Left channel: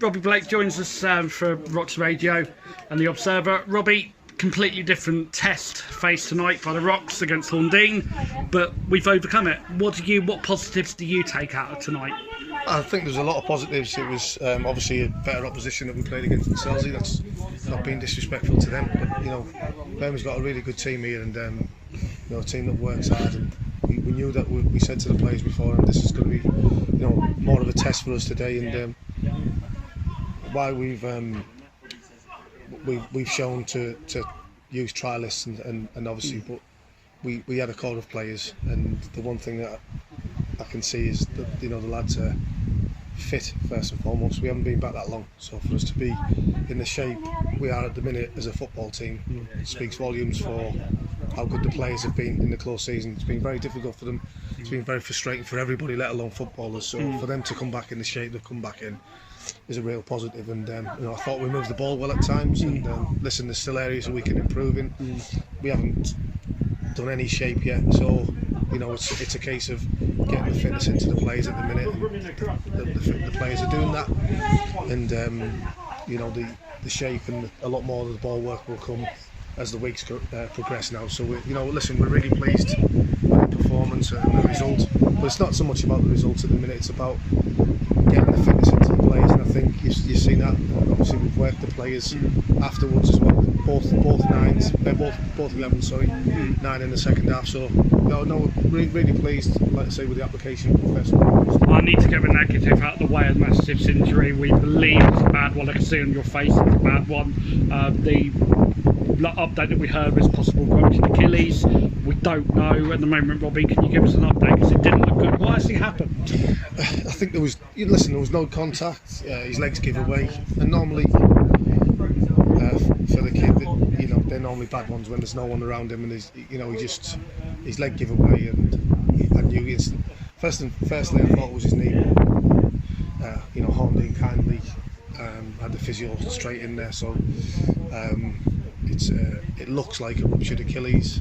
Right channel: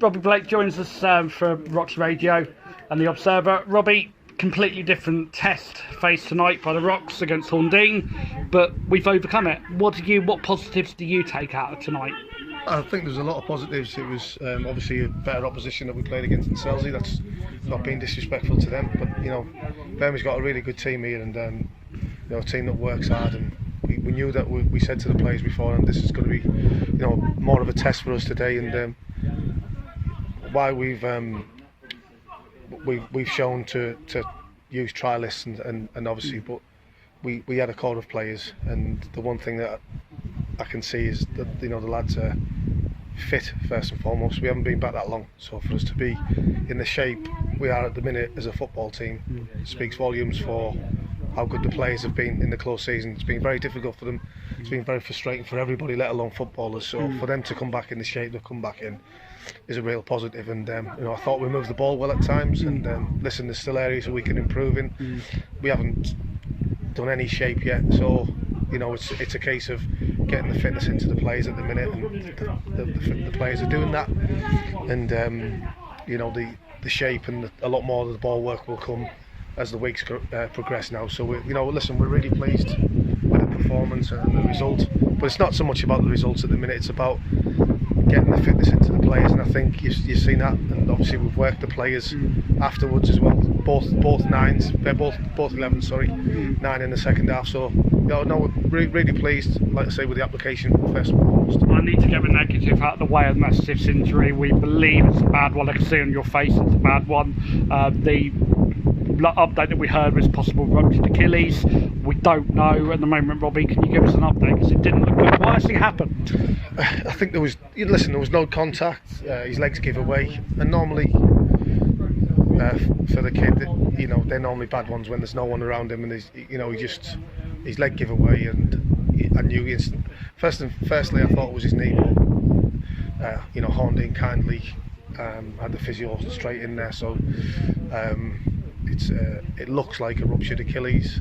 Robbie Blake joins us for Rocks Radio and the Observer. Robbie, completely different test faced tonight by the Rocks against Horndean, but we've overcome it. What positives do you take out of tonight? I think there's a lot of positives. It was obviously a better opposition that we played against in Selsey. That's not being disrespectful to them, but Birmingham's got a really good team here, and a team that works hard. And we knew that we said to the players before, and this is going to be more of a test for us today. And why we've shown to use trialists and obviously, but we had a core of players, and the one thing that I can see is that the lads are fit first and foremost. We haven't been back that long, so for us to be in the shape we are at the minute as a football team speaks volumes for how good the players have been in the close season. It's been very difficult for them. It's been very frustrating for everybody, let alone footballers. So for them to come back in the shape they've come back in is a real positive. And I thought we moved the ball well at times. And listen, there's still areas that we can improve in. We haven't done any shape yet, so it's a case of getting the fitness into the players at the minute, and the players are doing that. And the shape and a lot more of the ball work will come as the weeks progress now. So we're really pleased with the performance and the result, but it's not so much about the results at the minute. It's about getting the fitness into the players, and I think you've seen that. And obviously we've worked the players afterwards as well. Both 11, sorry, 9 in the second half. So we're really pleased, like I say, with the application first and foremost. I need to get the negative out of the way of Mastiff's injury. We believe it's a bad one. I can see on your face it's a bad one. The update that we heard was possible ruptured Achilles. We don't know at the moment. Robbie, can you give us an update, because it didn't look good? What actually happened? I think there was no contact. His legs give away, and normally for the kid, they're normally bad ones when there's no one around him, and his leg give away, and I knew firstly I thought it was his knee, but Horndean kindly had the physio straight in there, so it looks like a ruptured Achilles,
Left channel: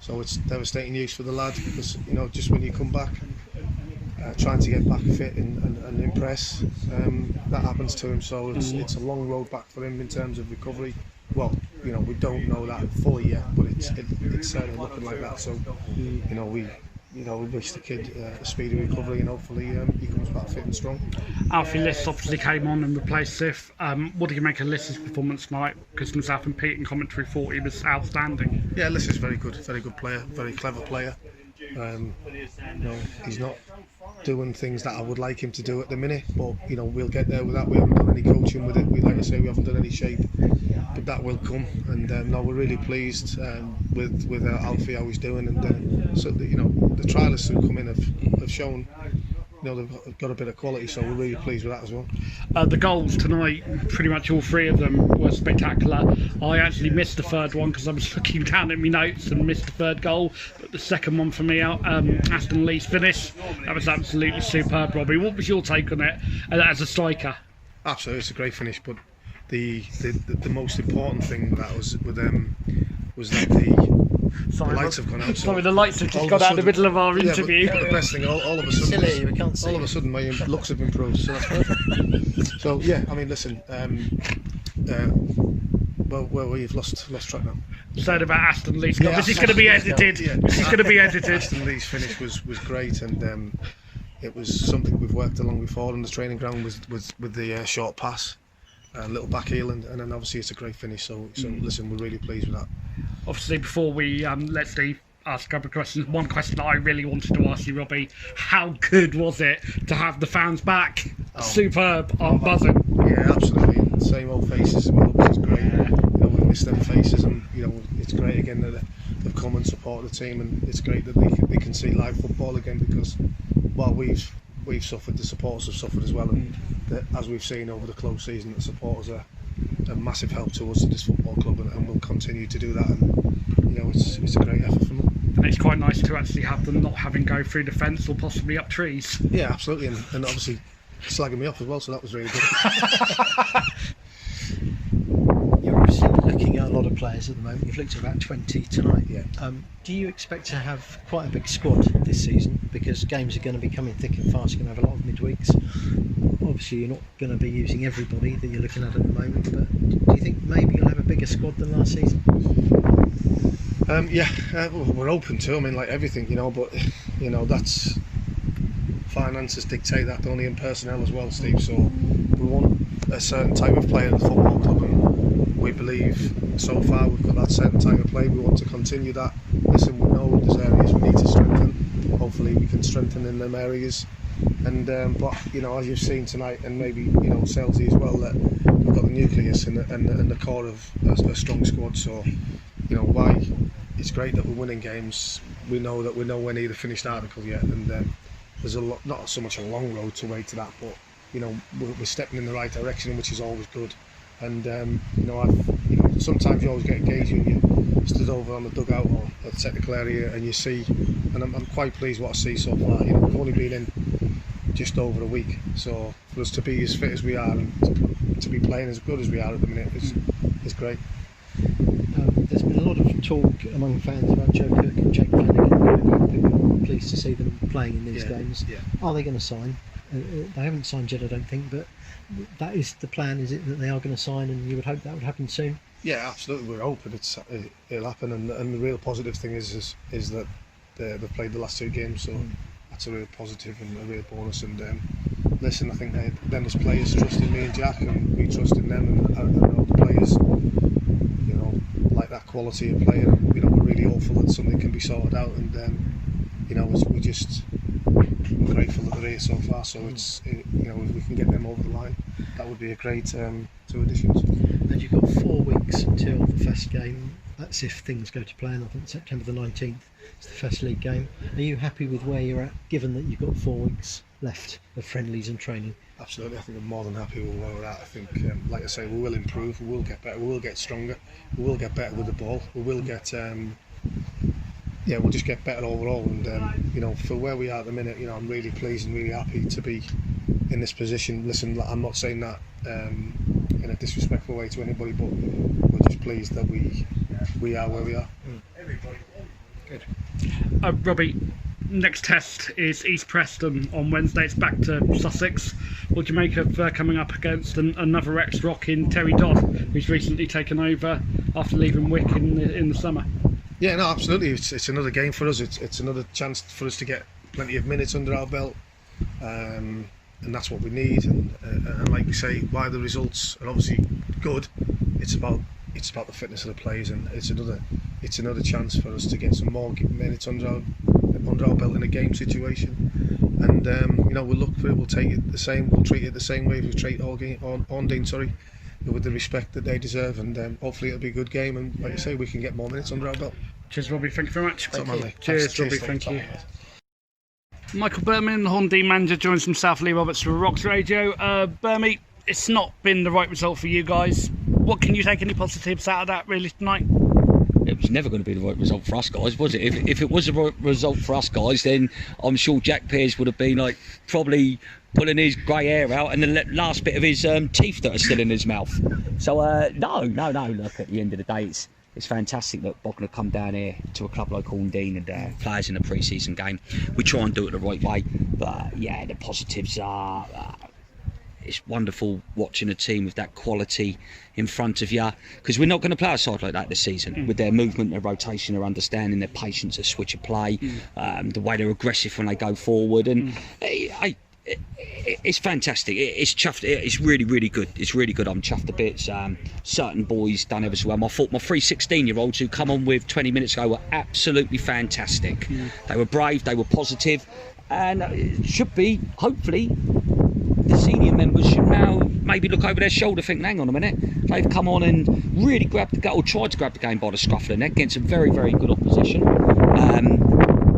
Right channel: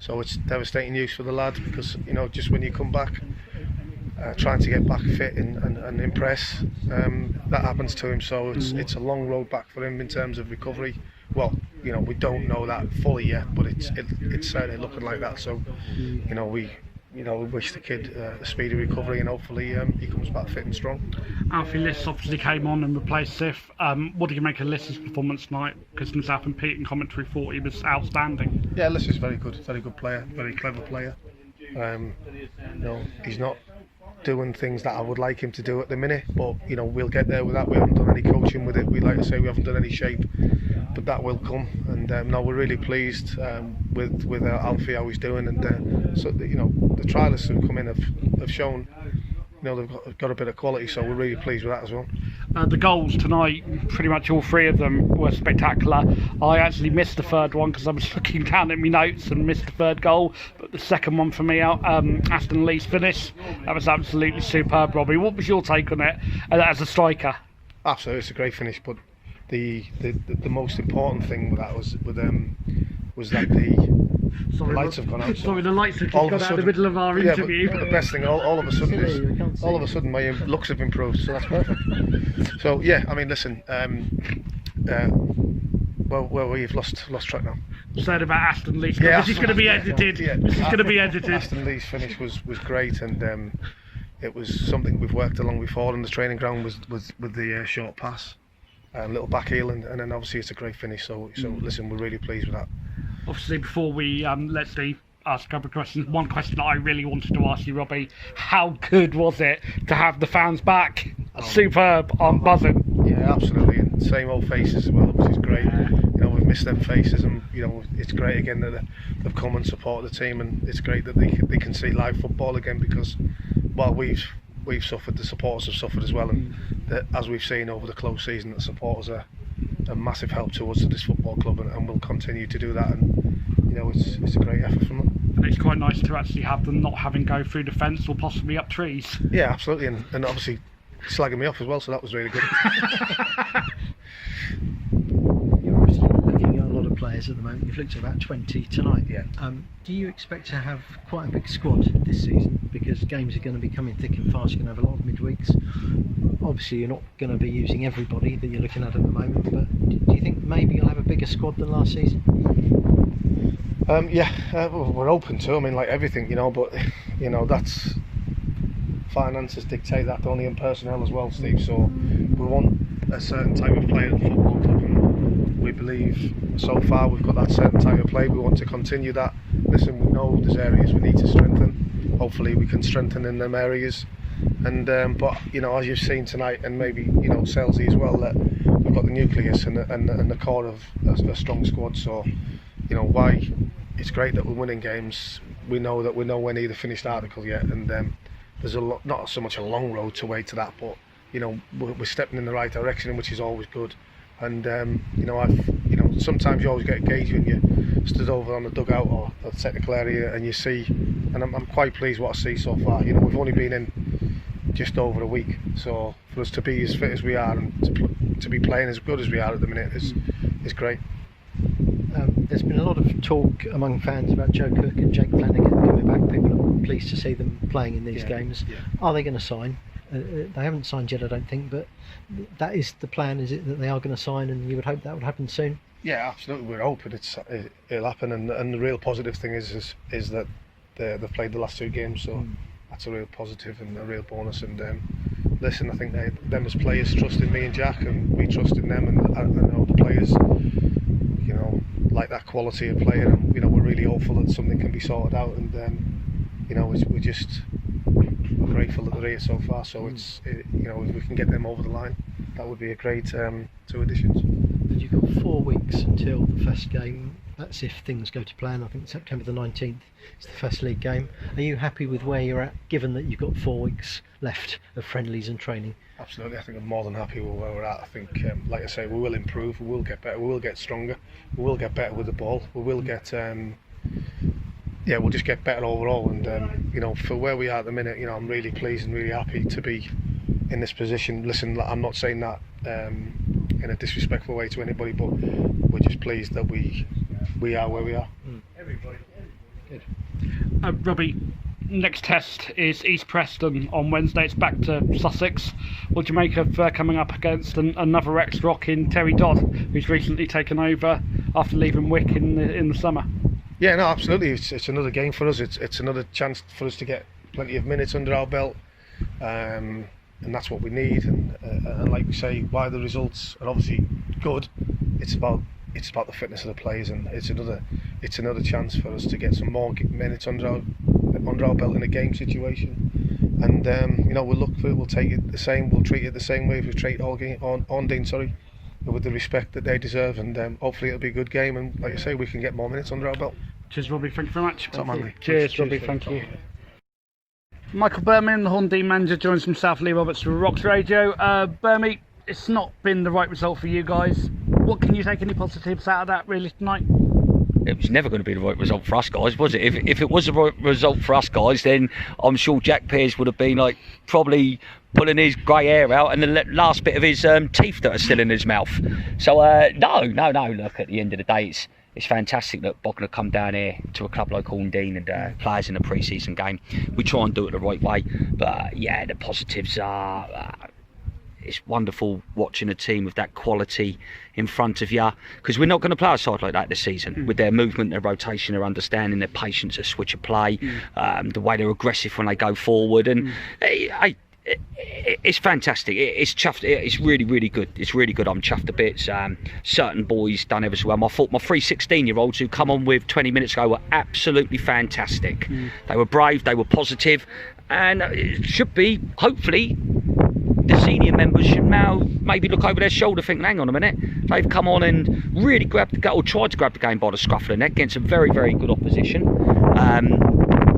so it's devastating news for the lad, because just when you come back trying to get back fit and impress, that happens to him. So it's a long road back for him in terms of recovery. Well, we don't know that fully yet, but it's certainly looking like that. So we wish the kid a speedy recovery, and hopefully he comes back fit and strong. Alfie Liss obviously came on and replaced Sif. What do you make of Liss's performance tonight? Because himself and Pete in commentary thought he was outstanding. Yeah, Liss is very good player, very clever player. He's not doing things that I would like him to do at the minute, but we'll get there with that. We haven't done any coaching with it. We like to say we haven't done any shape, but that will come. And we're really pleased with Alfie, how he's doing, and so the trialists who come in have shown they've got a bit of quality, so we're really pleased with that as well. The goals tonight, pretty much all three of them were spectacular. I actually missed the third one because I was looking down at my notes and missed the third goal, but the second one for me, Aston Lee's finish, that was absolutely superb. Robbie, what was your take on it as a striker? Absolutely, it's a great finish, but the most important thing with that was that the lights have gone out. Sorry, the lights have just gone out in the middle of our interview. But the best thing, all of a sudden, my looks have improved. So that's perfect. So yeah, I mean, listen. Well, we've lost track now. Said about Aston Lee's. Yeah, this is going to be edited. This is going to be edited. Aston Lee's finish was great, and it was something we've worked along before in the training ground with the short pass. A little back heel, and then obviously it's a great finish. So listen, we're really pleased with that. Obviously, before we let Steve ask a couple of questions, one question that I really wanted to ask you, Robbie: how good was it to have the fans back? Superb, I'm buzzing. Yeah, absolutely. And same old faces as well, which is great. We've missed them faces, and it's great again that they've come and supported the team, and it's great that they can see live football again, because while we've suffered, the supporters have suffered as well, and as we've seen over the close season, the supporters are a massive help to us at this football club, and will continue to do that, and it's a great effort from them. And it's quite nice to actually have them not having go through the fence or possibly up trees. Yeah, absolutely, and obviously slagging me off as well, so that was really good. You're obviously looking at a lot of players at the moment. You've looked at about 20 tonight. Yeah. Do you expect to have quite a big squad this season, because games are going to be coming thick and fast? You're going to have a lot of midweeks. obviously you're not going to be using everybody that you're looking at the moment, but do you think maybe you'll have a bigger squad than last season? Yeah, well, we're open to. I mean, like everything, but that's finances dictate that, only in personnel as well, Steve. So we want a certain type of player at the football club, and we believe so far we've got that certain type of play. We want to continue that. Listen, we know there's areas we need to strengthen. Hopefully, we can strengthen in them areas. And but as you've seen tonight, and maybe Selzy as well, that we've got the nucleus and the core of a strong squad. So why it's great that we're winning games. We know that we're nowhere near the finished article yet, and there's a lot, not so much a long road to way to that, but we're stepping in the right direction, which is always good. And sometimes you always get engaged when you stood over on the dugout or the technical area, and you see, and I'm quite pleased what I see so far. We've only been in just over a week, so for us to be as fit as we are and to be playing as good as we are at the minute is great. There's been a lot of talk among fans about Joe Cook and Jake Flanagan coming back. People are pleased to see them playing in these games. Yeah. Are they going to sign? They haven't signed yet, I don't think, but that is the plan, is it, that they are going to sign, and you would hope that would happen soon? Yeah, absolutely. We're hoping it'll happen, and the real positive thing is that they've played the last two games, so that's a real positive and a real bonus. And listen, I think them as players trusted me and Jack, and we trusted them, and I know the players like that quality of player, and we're really hopeful that something can be sorted out, and we're grateful that they're here so far. So if we can get them over the line, that would be a great two additions. And you've got 4 weeks until the Fest game. That's if things go to plan. I think September the 19th is the Fest League game. Are you happy with where you're at, given that you've got 4 weeks left of friendlies and training? Absolutely, I think I'm more than happy with where we're at. I think, like I say, we will improve, we will get better, we will get stronger, we will get better with the ball, we will get, we'll just get better overall. And for where we are at the minute, I'm really pleased and really happy to be in this position. Listen, I'm not saying that in a disrespectful way to anybody, but we're just pleased that we are where we are. Good. Robbie, next test is East Preston on Wednesday. It's back to Sussex. What do you make of coming up against another ex-Rock in Terry Dodd, who's recently taken over after leaving Wick in the summer? Yeah, no, absolutely. It's another game for us. It's another chance for us to get plenty of minutes under our belt, and that's what we need. And like you say, why the results are obviously good. It's about the fitness of the players, and it's another chance for us to get some more minutes under our belt in a game situation. And we'll look for it. We'll take it the same. We'll treat it the same way as we treat Horndean, with the respect that they deserve. And hopefully it'll be a good game. And like I say, we can get more minutes under our belt. Cheers, Robbie. Thank you very much. Cheers, Robbie. Thank you. Michael Birmingham, the Horndean manager, joins from South Lee Roberts for Rocks Radio. Birmingham, it's not been the right result for you guys. What can you take any positives out of that really tonight? It was never going to be the right result for us guys, was it? If it was the right result for us guys, then I'm sure Jack Pearce would have been probably pulling his grey hair out and the last bit of his teeth that are still in his mouth. So no. Look, at the end of the day, it's fantastic that Bognor come down here to a club like Horndean and players in a pre-season game. We try and do it the right way, but the positives are. It's wonderful watching a team with that quality in front of you, because we're not going to play a side like that this season with their movement, their rotation, their understanding, their patience, their switch of play, the way they're aggressive when they go forward, and it's fantastic. It's chuffed. It's really, really good. It's really good. I'm chuffed to bits. Certain boys done ever so well. I thought my 3 16-year-olds who come on with 20 minutes ago were absolutely fantastic. They were brave, they were positive, and it should be, hopefully, the senior members should now maybe look over their shoulder, think, hang on a minute, they've come on and really grabbed the game, or tried to grab the game by the scruff of the neck against some very, very good opposition.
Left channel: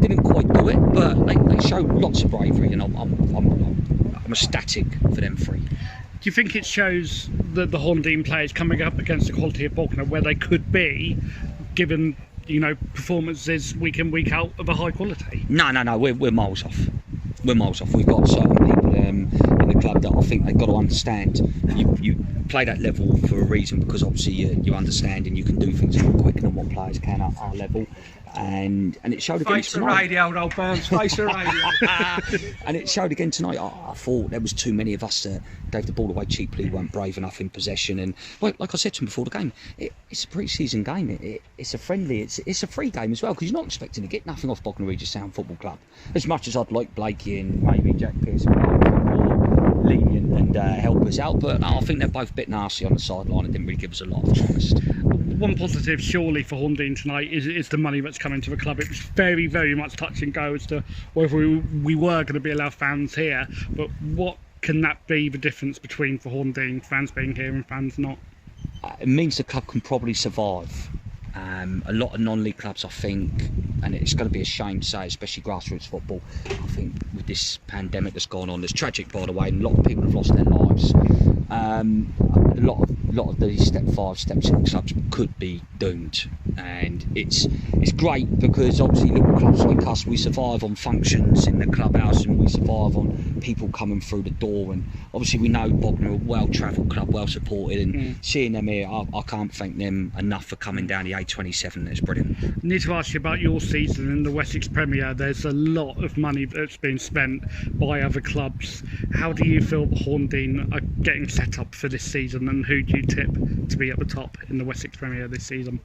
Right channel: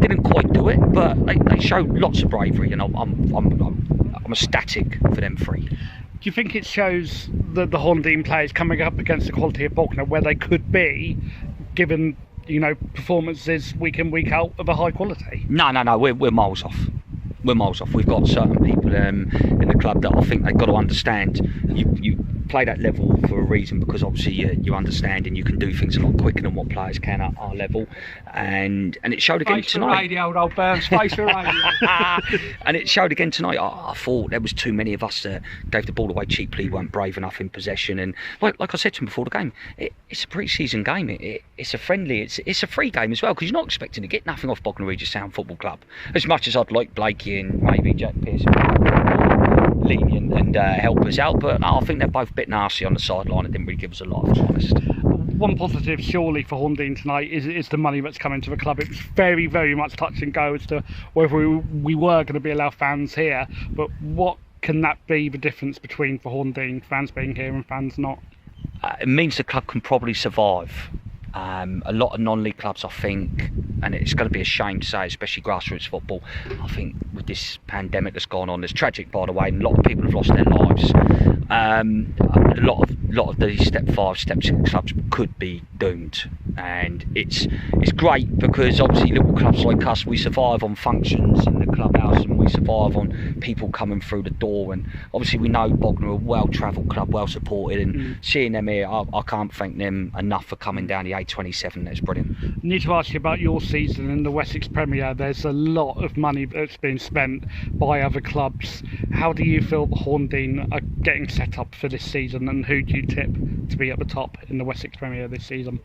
Didn't quite do it, but they showed lots of bravery, and I'm ecstatic for them three. Do you think it shows that the Horndean players coming up against the quality of Bognor where they could be, given performances week in, week out of a high quality? No, we're miles off. we're miles off. We've got certain people in the club that I think they've got to understand. You play that level for a reason, because obviously you understand and you can do things a lot quicker than what players can at our level, and it showed again tonight. Radio, old Burns, face the radio. And it showed again tonight. I thought there was too many of us that gave the ball away cheaply, weren't brave enough in possession, and like I said to him before the game, it's a pre-season game. It's a friendly. It's a free game as well, because you're not expecting to get nothing off Bognor Regis Town Football Club. As much as I'd like Blakey and maybe Jack Pearce lenient and help us out, but I think they're both a bit nasty on the sideline and didn't really give us a lot, if I'm honest. One positive surely for Horndean tonight is the money that's coming to the club. It was very, very much touch and go as to whether we were going to be allowed fans here, but what can that be the difference between for Horndean, fans being here and fans not? It means the club can probably survive. A lot of non-league clubs, I think, and it's going to be a shame to say, especially grassroots football, I think with this pandemic that's gone on, it's tragic by the way, and a lot of people have lost their lives. A lot of these step 5, step 6 clubs could be doomed, and it's great because obviously little clubs like us, we survive on functions in the clubhouse and we survive on people coming through the door, and obviously we know Bognor are a well-travelled club, well supported, and seeing them here, I can't thank them enough for coming down the A27. That's brilliant. I need to ask you about your season in the Wessex Premier. There's a lot of money that's been spent by other clubs. How do you feel the Horndean are getting set up for this season, and who do you tip to be at the top in the Wessex Premier this season?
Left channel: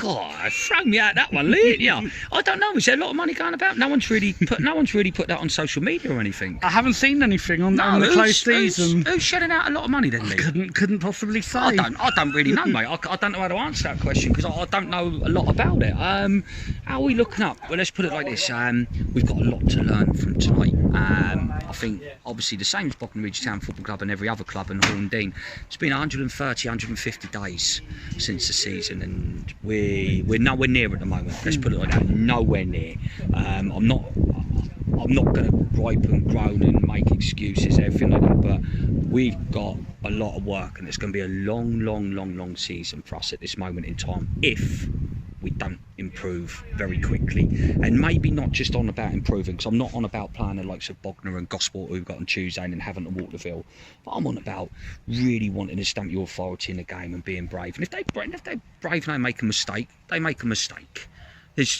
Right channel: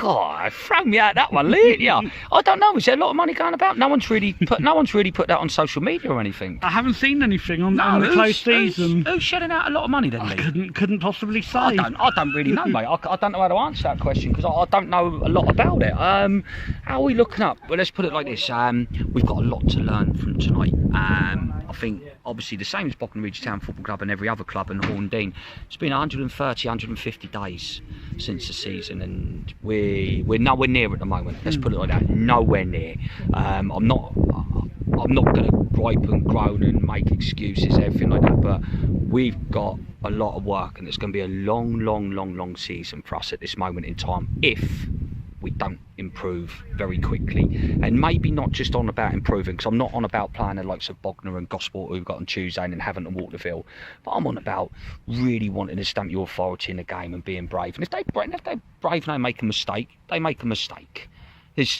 God, throw me out that one, didn't you? I don't know. Is there a lot of money going about? No one's really put that on social media or anything. I haven't seen anything on the closed season. Who's shedding out a lot of money then, Lee? Couldn't possibly say. I don't really know, mate. I don't know how to answer that question because I don't know a lot about it. How are we looking up? Well, let's put it like this. We've got a lot to learn from tonight. I think obviously the same as Bognor Regis Town Football Club and every other club in Horndean. It's been 130, 150 days since the season, and we're nowhere near at the moment. Let's put it like that. Nowhere near. I'm not going to gripe and groan and make excuses, everything like that. But we've got a lot of work, and it's going to be a long season for us at this moment in time if we don't improve very quickly. And maybe not just on about improving, because I'm not on about playing the likes of Bognor and Gosport who've got on Tuesday and Havant and Waterville, but I'm on about really wanting to stamp your authority in the game and being brave. And if they're brave and they make a mistake, they make a mistake.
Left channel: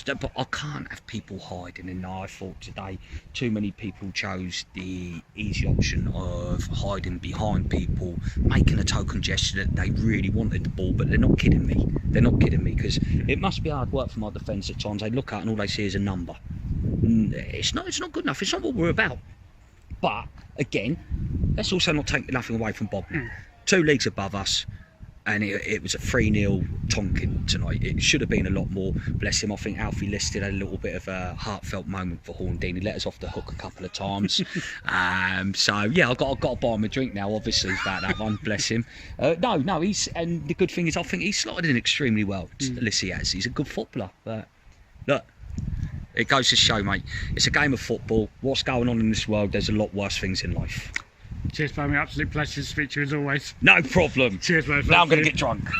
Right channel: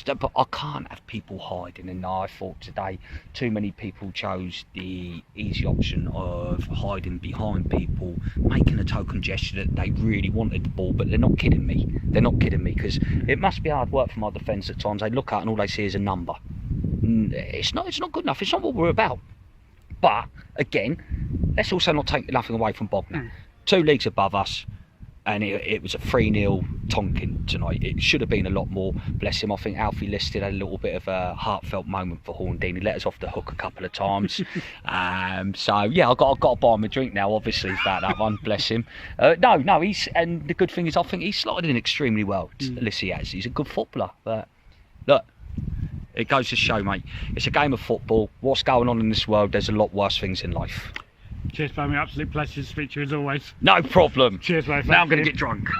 But I can't have people hiding, and I thought today too many people chose the easy option of hiding behind people, making a token gesture that they really wanted the ball, but they're not kidding me. They're not kidding me, because it must be hard work for my defence at times. They look at it and all they see is a number. It's not good enough. It's not what we're about. But again, let's also not take nothing away from Bognor. 2 leagues above us. And it was a 3-0 Tonkin tonight. It should have been a lot more. Bless him. I think Alfie listed a little bit of a heartfelt moment for Horndean. He let us off the hook a couple of times. So yeah, I've got to buy him a drink now. Obviously about that one. Bless him. No. And the good thing is, I think he's slotted in extremely well. Listen, he's a good footballer. But look, it goes to show, mate. It's a game of football. What's going on in this world? There's a lot worse things in life. Cheers, Barmy. Absolute pleasure to speak to you as always. No problem. Cheers, man. Now I'm going to get drunk.